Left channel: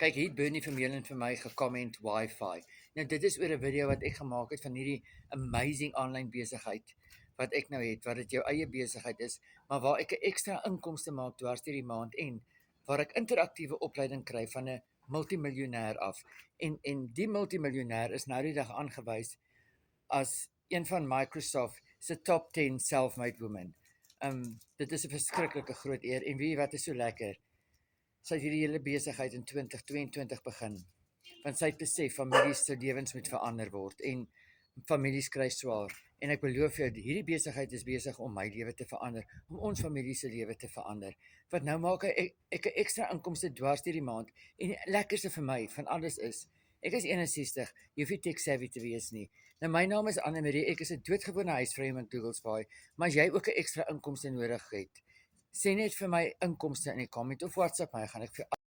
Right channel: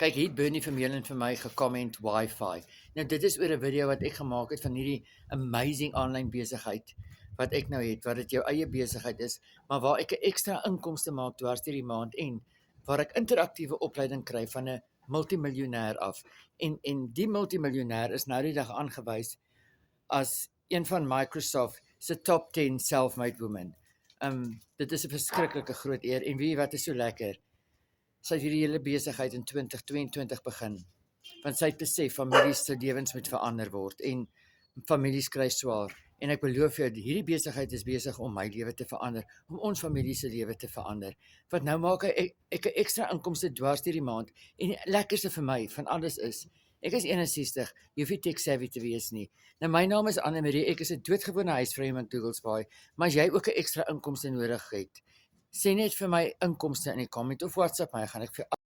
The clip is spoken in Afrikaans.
Kyk, hier Bernie Vermeulen vir my gecomment Wi-Fi. Nou dit is oor 'n video wat ek gemaak het van hierdie amazing aanlyn besigheid wat ek nou het, wat dit jou eie besigheid is, maar waar ek 'n ekstra inkomste maak dwars deur die maand en waar ek interaktiewe opleiding kry van 'n multimiljonêr af. En die multimiljonêr is nou die dag aangewys as een van Microsoft se top 10 self-made women. Dit is 'n verskriklike groot eer en weet jy wat is so lekker? Sy het hierdie hele besigheid in 2022 begin. Want sy het besef families se lewens moet verander word en families kry swaar. En ek beloof jou, hierdie besigheid is besig om my lewe te verander, om ons familie se lewe te verander. Want nou maak ek 'n ekstra inkomste dwars deur die maand en die lekkerste vir my van alles is, ek is 61, jy hoef nie tech savvy te wees nie. Nou my naam is Anne Marie, ek is 'n doodgewone huisvrou in Douglasbaai, maar as jy ook 'n ekstra inkomste nodig het, sê net vir my inkomste in die comment of WhatsApp my, gaan ek vir